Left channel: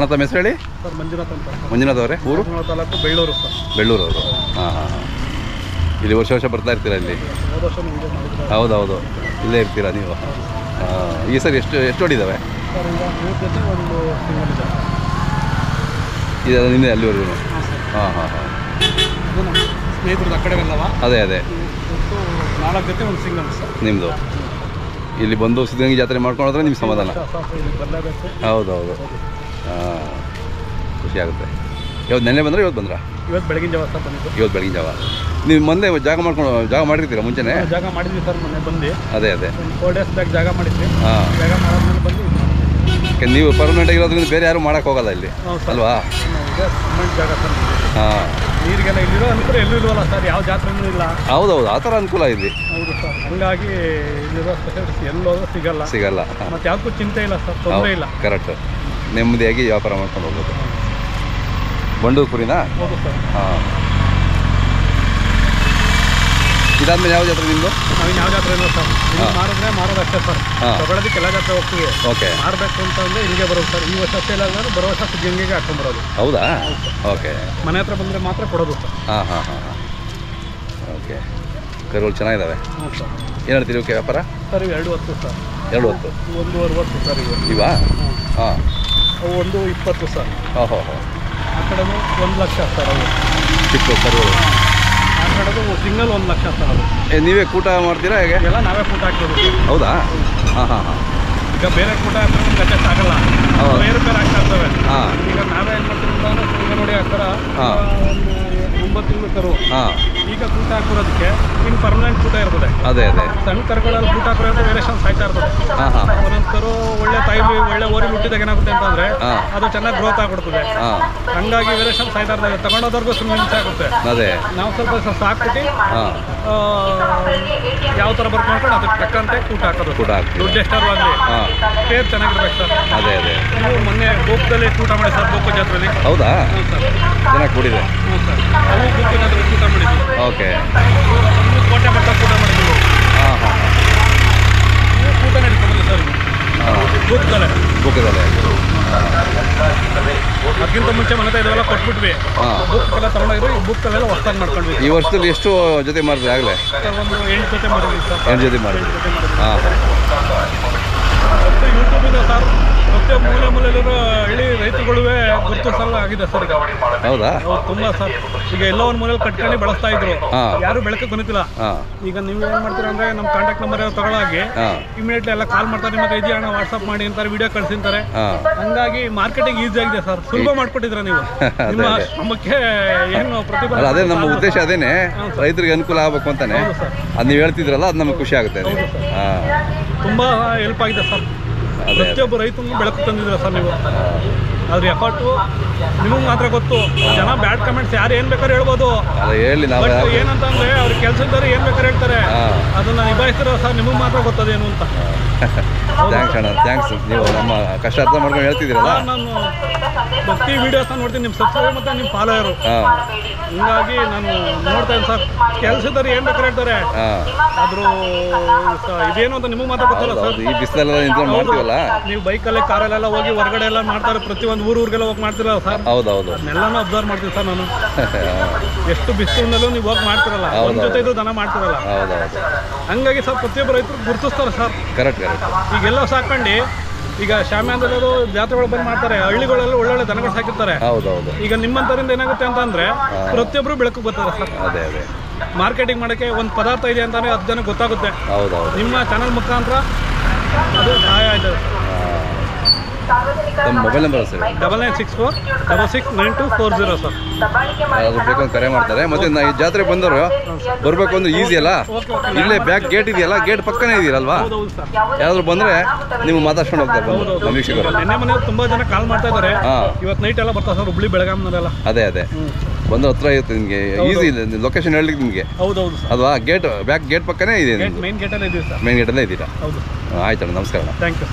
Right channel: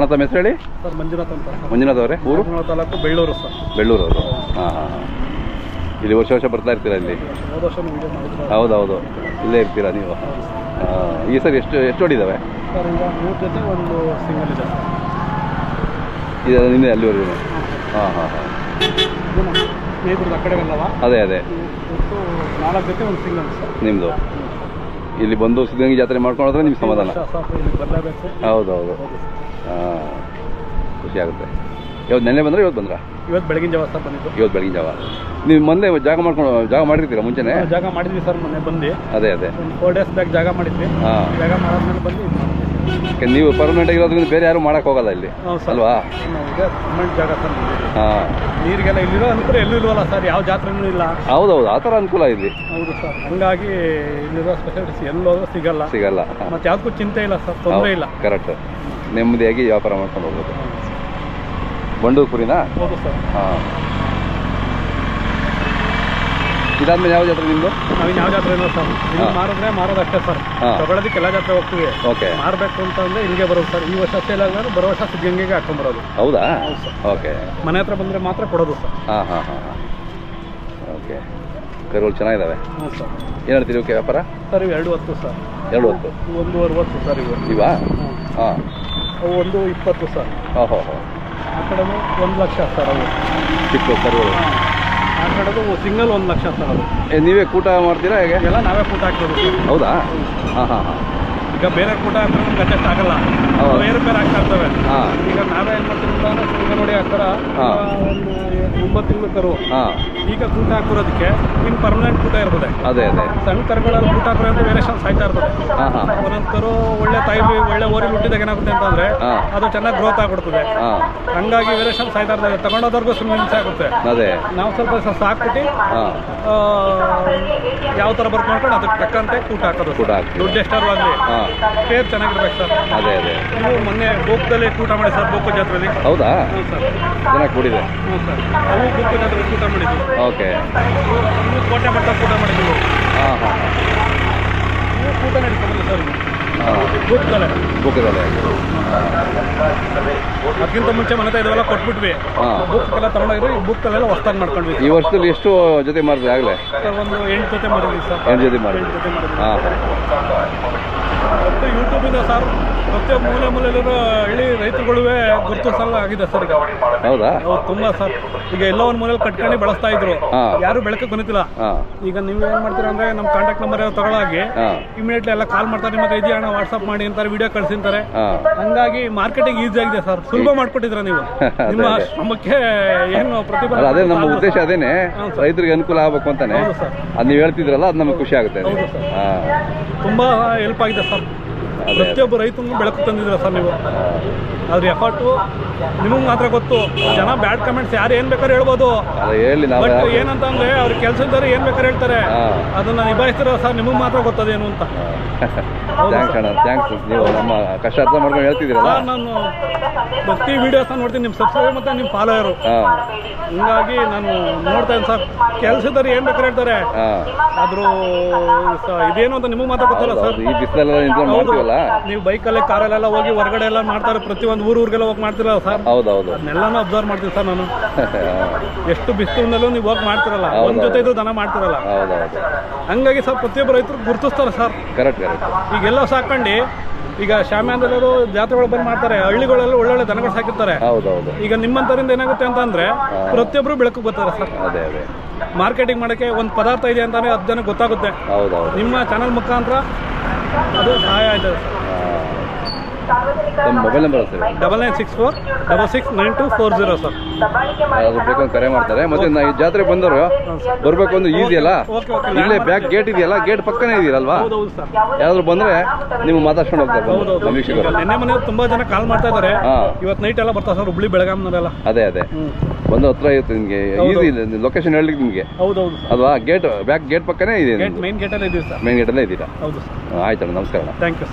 ಅಣ್ಣ ತಮ್ಮ ಹೆಸರು ಹೇಳಿ ಸರ್. ಮಂಜುನಾಥ್ ಅಂತ. ಮಂಜುನಾಥ್ ಅವರೇ? ಊರು? ತಾಲೂಕು ಬೆಳ್ಳೂರು ಸರ್. ಬೆಳ್ಳೂರು ಅವರು. ಹಾಂ ಹಾಂ ಹಾಂ. ಇಲ್ಲಿ ವರ್ಷ ವರ್ಷ ಬರ್ತಾ ಇರ್ತೀರಾ ಇಲ್ಲಿ? ಹೋದ ವರ್ಷ ಹೌದೌದು, ಇಲ್ಲೇ ಇರ್ತೀರಾ ನೀವು? ಈ ಸರಿ ಎಷ್ಟು ಹೊಡಿದ್ದಾವೆ ಸರ್? ಈಗ 3 ಜೊತೆ ಒಂದು ಸಿಂಗಲ್ ಇದೆ. ಇದು ನಿನ್ನೆ ಅಲ್ಲಿವರೆಗೂ? ಹಾಂ ಹಾಂ ಹಾಂ. ಸ್ನೇಹಿತರದ್ದು ಆ ಕಡೆಗಲ್ಲವ? ಅದೇ 4 ಜೊತೆ ಒಂದು ಸಿಂಗಲ್ ಸರ್ ನಿಮ್ಮದು. ಇಲ್ಲಿ ಬಂದು ಸಿದ್ಧಗಂಗೆ ಜಾತ್ರೆ ಮಾಡ್ಕೊಂಡ್ರೆ ನಿಮ್ಗೆ ಸಮಾಧಾನ? ಇಲ್ಲಿ ಬರಲೇಬೇಕು. ಹೌದೌದು. ಹಾಂ, ಖುಷಿ ಆಗುತ್ತೆ. ಇವತ್ತು ನೆನ್ನೆ ಬಂದರೆ ಇವತ್ತು ಬಂದ್ರಾ? ಇವತ್ತು ಬೆಳಗಿನ ಜಾವ ಸರ್ ಬಂದಿದ್ದು. ಇವತ್ತು ಬೆಳಗಿನ ಜಾವ. ನೀವು ಮೊನ್ನೆ ಜಾಗ ಮಾಡಿರ್ತೀರಾ ಮುಂಚೆನೇ? ಜಾಗ ಮಾಡಿದ್ವಿ ಸರ್, ಮೊನ್ನೆ ಬಂದು. ಅದೇ ಒಂದು 4 ಡೇಸ್ ಬ್ಯಾಕ್ ಜಾಗ ಮಾಡಿದ್ವಿ. ಹಾಂ, ಜಾಗ ಮಾಡಾದ್ಮೇಲೆ ಬಂದು ಇದು ಮಾಡಿದ್ವಿ. ನೀವು ಪರ್ಮನೆಂಟ್ ಆಗಿರೋದ್ರಿಂದ ಬೇರೆ ಯಾರು ಮಾಡೋಕ್ಕೆ ಹೋಗಲ್ಲ ಇಲ್ಲಿ ಅಲ್ವಾ? ಇದೆ ಪರ್ಮನೆಂಟ್ ಜಾಗ ಸರ್. ಹಾಂ, ನೀರಿಗೆಲ್ಲ ಇಲ್ಲಿರೋ ಅನುಕೂಲ ಎಲ್ಲೂ ಇಲ್ವಲ್ಲ ಸರ್, ಯಾವ ಜಾತ್ರೆನೂ ಇಲ್ಲ. ಹೌದೌದು, ಆ ಥರ ಅನುಕೂಲ ಇಲ್ಲಿ. ಹೌದು ಸರ್, ಹಂಗಾಗಿ ಇಲ್ಲಿರೋ ಸ್ಪೆಷಾಲಿಟಿ ಎಲ್ಲೋದ್ರೂ ಸಿಗಲ್ಲ. ಮತ್ತು ಯಾವುದಕ್ಕೂ ಚಿಂತೆ ಇಲ್ಲ ಸರ್, ತೊಂದರೆ ಇಲ್ಲ. ಕರೆಕ್ಟ್, ನೆಮ್ಮದಿಯಾಗಿ ವ್ಯಾಪಾರ ಮಾಡ್ಕೊಂಡು ಹೋಗ್ಬೋದು. ಬಂಡೂರು ಕುರಿನಾ? ಹೌದು ಸರ್. ಹಾಂ. ಇದಾದ್ಮೇಲೆ ಯಾವ ಜಾತ್ರೆ ನಿಮ್ಮದು? ನಾವಿನ್ನು ಯಾವ ಜಾತ್ರೆ ಇಲ್ಲ ಸರ್. ಇಲ್ಲಿ ಮಾರೋದು ಅಷ್ಟೇ ಸರ್. ತಗೊಳ್ಳೋದಕ್ಕೆ ಎಲ್ಲ ಜಾತ್ರೆ ಹೋಗ್ತೀವಿ. ಓಕೆ. ಮಾರಬೇಕು ಅಂತಂದರೆ ಹಿಂಗೆ ಬರೋದು ಸರ್. ಈ ವರ್ಷ ಸೇಲ್ ಆಗಿದ್ರೆ ಬರೋ ವರ್ಷ ಸಿದ್ಧಗಂಗೆಗೆ ಹಾಕೊಂಡ್ಬರೋದು. ಹೌದಾ? ಓಕೆ. ಮನೆ ಹತ್ರ ಬಂದರೆ ಮಾತ್ರ ಕೊಡೋದು ಸರ್. ಹಾಂ ಹಾಂ ಹಾಂ ಹಾಂ. ಓಕೆ. ಕರುಗಳು ಚೆನ್ನಾಗಿದ್ದಾವೆ. ಹ್ಞೂ ಸರ್. ಏನು ಹೇಳ್ತೀರಿ ಓಕೆ ವ್ಯಾಪಾರ? ಸರ್ ಇವು 2 ಹೊತ್ತು ಸರ್. 2 ಹೊತ್ತು? 1.60 ಸರ್ ಇವು. ಇವಾ? ಹಾಂ. ಅವು 1.20 ಸರ್. ಹಾಂ ಹಾಂ ಹಾಂ. ಆ ಕಡೆದು 1 ಲಕ್ಷ ಸರ್ ಅವು ಚಿಕ್ಕ ಕರುಗಳು. ಆ ಕಡೆದು ಸಿಂಗಲ್ 1 ಲಕ್ಷ ಸರ್ ಅದು. ನೀವೇ ಕೂಟ ಮಾಡ್ತೀರಾ ಹೇಗೆ? ಎಲ್ಲ ನಾವೇ ಕೂಟ ಹಾಕ್ಬೋದು. ಹೌದಾ? ಹಾಂ ಹಾಂ ಹಾಂ. ಈಗ ಬೇರೆ ಕೂಟ ಹಾಕಿದ್ರೆ ನಮ್ಗೆ ಅಡ್ಜಸ್ಟ್ ಆಗಲ್ಲ, ಬೇರೆ ಆಗ್ತಾ ಇರ್ತವೆ. ಈಗ ನಾವೇ ಏನು ಮಾಡ್ತೀವಿ ಅಂದ್ರೆ ಈಗ ನೋಡಿ ಆ ಥರ ಒಂದು 9 ತಿಂಗಳು ಕರು. ಈಗ ಕೂಟ ಹಾಕಿರೋದಕ್ಕೆ ಇನ್ನು ಪರ್ಮನೆಂಟ್ ಕೂಟ ಇರ್ತದೆ. ಅದೇ ಸಣ್ಣ ಕರುಗಳಲ್ಲಿ ಕೂಟ ಹಾಕಿರೋದು ವೇರಿಯೇಷನ್ ಸಾಯ್ತಾ ಇರ್ತದೆ. ಒಂದೊಂದು ಕರು ಒಳ್ಳೆ ತಾಯಿಲಿ ಒಳ್ಳೆ ಓರಿಲಿ ಹುಟ್ಟಿದಾಗ ಏನಾಗುತ್ತೆ ಅಂತಂದ್ರೆ ಅದು ಚೆನ್ನಾಗಿ ಗ್ರೋತ್ ಆಗ್ಬಿಡ್ತದೆ. ಹಂಗಾಗಿ ವೇರಿಯೇಷನ್ ಸಾಯ್ತಾ ಇರ್ತದೆ. ತಗೊಂಡೋದವ್ರಿಗೂ ಸುಮ್ಮನೆ ಹಿಂಸೆ ಆಗುತ್ತೆ. ನಾವು ಸ್ವಲ್ಪ ಸಾಕ್ಬಿಟ್ಟು ಯಾವ ಥರ ಬರ್ಕ್ ಮಾಡ್ಕೊಂಡು ಅದಕ್ಕೆ ತಕ್ಕಂತೆ ಕೂಟ ಹಾಕೋದು. ದುಡ್ಡು ಎಷ್ಟಾರು ಆಗಲಿ ಪೇರ್ ಚೆನ್ನಾಗಿರ್ಬೇಕು ಸರ್. ನೀವು ಮೊನ್ನೆ ಗೋಪದಲ್ಲಿ ಕೂಟ ಮಾಡಿ ಸರ್, ಗೋಪ ಜಾತ್ರೆಯಲ್ಲಿ. ಹೌದಾ? ಹ್ಞೂ ಸರ್, ಚೆನ್ನಾಗಿ ಕೂಡಿದೆ. ಹ್ಞೂ ಸರ್, ಅವು ಗೋಪ ಜಾತ್ರೆ ಕೂಟ ಮಾಡಿದ್ವಿ. ಓಕೆ. ನೀವು ಕೋಟೆ ಮಟ್ಟ ಕೂಟ ಮಾಡಿದ್ವಿ. ಹಾಂ ಹಾಂ. ನೀವು ಕೂಟ ನಡೀತದೆ ಸರ್ ಗೋಪದಲ್ಲೇ. ಅದಕ್ಕಿಂತ ಮುಂಚೆ ಮನೆ ಇದೆಲ್ಲ ಕೊಟ್ಬಿಟ್ವಿ. ಬುಕ್ಕೆಲ್ಲ ತಗೊಂಡೋಗಿದ್ರು. ಈ ಬುಕ್ಕೆಲ್ಲ ಹೊಸ್ತಾಗಿ ಮಾಡ್ಕೊಂಡ್ವಿ. ಈ ವರ್ಷದಲ್ಲಿ ಎಷ್ಟು ಜೊತೆ ಮಾಡಿದ್ರಿ ಆಗಲೇ? ಸರ್ ಒಂದು 8 ಜೊತೆ ಮಾಡಿದ್ವಿ ಸರ್. 8 ಜೊತೆ ಮಾಡಿದ್ವಿ. ಹಾಂ. ಮತ್ತು ಯೂಟ್ಯೂಬಿಂದ ಸರ್ ಪ್ರತಿಯೊಬ್ಬ ಮೂಲೆಯಲ್ಲಿರೋ ಹಳ್ಳಿ ರೈತರುಗಳೇ ಗುರುತಿಸಲ್ಲ ಆಗಿದೆ ಸರ್ ಈಗ. ಹೌದಾ? ಹೌದು, ತುಂಬ ಸರ್. ಈಗ ಎಲ್ಲ ಒಂದು ಮೂಲೆಯಲ್ಲಿ ಕಟ್ಕೊಂಡು ಬೆಳೆಸ್ತಾ ಇದ್ರು, ಯಾರು ಬೆಳಕಕ್ಕೆ ಬಂದಿಲ್ಲ. ಈಗ ನೀವು ಏನು ಮಾಡ್ತೀರಾ ಅಂದರೆ ನಮ್ಮ ಕಾಂಟ್ಯಾಕ್ಟ್ ನಂಬರ್ ತಗೊಳ್ಳಾಗಿ ಇಮಿಡಿಯೇಟ್ಲಿ ಎಲ್ಲ ಕಾಲ್ ಮಾಡ್ತಾರೆ. ನಿಮ್ಮ ಇದೆಯಾ ಅಣ್ಣ ವಾಟ್ಸಪ್ ಮಾಡಿ ಅಂತಾರೆ, ವಿಡಿಯೋ ಕಳಿಸಿರ್ತಾರೆ. ಹಂಗಾಗಿ ಮಾರ್ಕೆಟಿಂಗ್ ಈಸಿ ಆಗಿದೆ ಸರ್. ಸುಲಭ ಮಾಡ್ಕೊಟ್ಟಿದ್ರ ನೀವು. ನಿಮ್ಮ ಶ್ರಮಕ್ಕೆ ಏನು ಪ್ರತಿಫಲ? ಅದೇ ನಮ್ಮ ಉದ್ದೇಶ, ಅದೇನೆ ರೈತರಿಗೆ ಅನುಕೂಲ ಆಗಬೇಕು ಅಂತಾನೆ. ಅದು ನೀವು ಹೇಳ್ತಿದ್ರಲ್ಲ, ಅದು ನಮಗೆ ಖುಷಿ ಆಗುತ್ತೆ. ಹೌದು ಸರ್, ತುಂಬ ಹೆಲ್ಪ್ ಆಗಿದೆ ಸರ್. ಪ್ರತಿಯೊಬ್ಬ ರೈತನು ಬೆಳಕು ತಂದಿದ್ರ ಸರ್ ನೀವು. ಅದ್ರ ಎಫರ್ಟು ನಿಮಗೆ ಮಾತ್ರ ಗೊತ್ತು. ಜನ ಬ್ಯಾಡ್ ಕಮೆಂಟ್ಸ್ ಯಾರು ಏನು ಬೇಕಾದ್ರೆ ಹೇಳ್ಬೋದು. ಬಟ್ ಏನಂತ ಅಂದರೆ ಅವ್ರ ಕೆಲಸದಾರೆ ಏನು ಬೇಕಾದ್ರೆ ಹೇಳ್ತಾರೆ, ಅದನ್ನು ನಿಭಾಯಿಸ್ತಿರೋ ಸರ್ ನಿಮಗೆ ಮಾತ್ರ ಗೊತ್ತದೇನು ಅಂತ. ಥ್ಯಾಂಕ್ಸ್ ಅಣ್ಣ, ಥ್ಯಾಂಕ್ಸ್. ನೀವು ನಮ್ಮ ಕಷ್ಟ ಅರ್ಥ ಮಾಡ್ಕೊಂಡು ಹೇಳ್ತಿದ್ದೀರಲ್ಲ. ನಾನು ಪ್ರತಿ ವೀಡಿಯೋಸ್ನ ನೋಡ್ತೀನಿ, ನಿಮ್ಮ ಸಬ್ಸ್ಕ್ರೈಬರ್ ಮತ್ತು ನಿಮ್ಮ ಫಾಲೋಯರು. ಹಿಂಗಾಗಿ ನಾನು ನೋಡ್ತಾ ಇದ್ದೀನಿ ಸರ್. ಕೆಲಸದಾರು ಏನು ಬೇಕಾದ್ರೆ ಹೇಳ್ತಾರೆ, ಆದರೂ ಇದೇನು ಅಂತ ನಿಮಗೆ ಮಾತ್ರ ಗೊತ್ತಲ್ಲ ಸರ್. ಈ ಬಿಸಿಲೆಲ್ಲ ನಿಂತ್ಕೊಂಡು ಮಾಡ್ತೀವಲ್ಲ, ನೀವು ಬೈಕಲ್ಲೇ ಕಾರಲ್ಲೆಲ್ಲ ಹೋಗಿ ಹೊರಗಡೆ ಎಲ್ಲ ಮಾಡ್ತಾರೆ, ಪ್ರತಿಯೊಂದು ಊರಿಗೆಲ್ಲ ಹೋಗಿ ಮಾಡ್ತಿರಲ್ಲ ಸರ್. ಹೌದೌದು, ಅದನ್ನೆಲ್ಲನೂ ಅಬ್ಸರ್ವ್ ಮಾಡ್ತೀವಿ ಸರ್ ನಾನು. ಎಷ್ಟು ಬಿಸಿಲಿನಲ್ಲೂ ನೀವು ಹೋಗಿ ಮಾಡ್ತಿರಲ್ಲ, ಒಂದು ಜೊತೆ ಇದು ದನ ಮಾಡ್ತಿರಲ್ಲ. ಹಂಗಾಗಿ ಸರ್ ಪ್ರತಿಯೊಬ್ಬರು ರೈತರು ಗುರುತಿಸ್ತಾರೆ ಸರ್. ಕರೆಕ್ಟ್. ಈಗೆಲ್ಲ ಸಾಕೊಂಡು ಈಗ ಶಾಮ್ಯಾನದಲ್ಲೂ ಜಾತ್ರೆಗಳು ಬಂದು ಮಾಡ್ತಾರೆ, ಹಳ್ಳಿಗಳೆಲ್ಲ ಒಳ್ಳೊಳ್ಳೆ ದನಗಳು ಸಾಕಿರ್ತಾರೆ. ಈಗ ನಿಮ್ಮಂತರಿಂದ ಏನಾಗುತ್ತೆ ಅಂತ ಅಂದ್ರೆ ಪ್ರತಿಯೊಬ್ಬರು ಬೆಳಕು ಬರ್ತಾರೆ ಸರ್. ಮಾರ್ಕೆಟಿಂಗ್ ಮಾಡೋಕ್ಕೆ ಒಂದು ಪದಾರ್ಥ ಇದೆ ಅಂತಾನೆ 10 ಜನಕ್ಕೆ ಗೊತ್ತಾಗುತ್ತೆ. ನಿಮ್ಮ ಚಾನಲ್ ಮುಖಾಂತರ ಅದು ಸಹಾಯ ಆಯ್ತದೆ. Mobile number sir 9964669240 sir. ಅದು ಬೇಕಂತ ಕರೆ ಮಾಡ್ತಾರೆ. ಮತ್ತೆ ಈ ಜಾತ್ರೆ ಬಂದವರು ಬರಬೇಕು ಅಂದ್ರೆ ಈಸಿ ಅಲ್ಲ, ಇಲ್ಲೇ ಬ್ಯಾಕ್ ಗೇಟ್ ಇದೆಯಲ್ಲ, ಗೇಟ್ ಪಕ್ಕನೇ ಇದೆಯಲ್ವಾ, ಯಾರಾದ್ರೂ ಬಂದ್ರೆ ನೀವು ಮಾತಾಡ್ಸ್ಕೊಂಡು ಹೋಗ್ತಾರೆ. ನಿನ್ನೆ ಮನೆ ತುಂಬಾ ಜನ ಕಾಲ್ ಮಾಡ್ತಾ ಇದ್ದಾರೆ. ಇವತ್ತು ನೈಟ್ ಎಲ್ಲ ಬರ್ತಾರೆ ಸರ್, ಹುಬ್ಳಿ ಬೆಳಗಾಂನವರೆಲ್ಲ. ಅದೇ ಬಂದು ಹತ್ರ ಇರುತ್ತೆ ನಿಮಗೆ, ಈಸಿ ಇದೆ ಲೊಕೇಶನ್ ಹೇಳಲಿಕ್ಕೆ ನಿಮಗೆ. ಹೌದೌದು ಅಲ್ವಾ? ಗೇಟ್ ಬ್ಯಾಕ್ ಗೇಟ್ ಪಕ್ಕನೇ ಇದೆ, ಮೇನ್ ಗೇಟಲ್ಲೇ ಇದೀವಿ ಸರ್. ಮೇನ್ ಗೇಟಲ್ಲೇ ಇದ್ದೀರಾ? ಹೌದು. ಆಯ್ತಣ್ಣ, ನಮಸ್ಕಾರ. Thank you.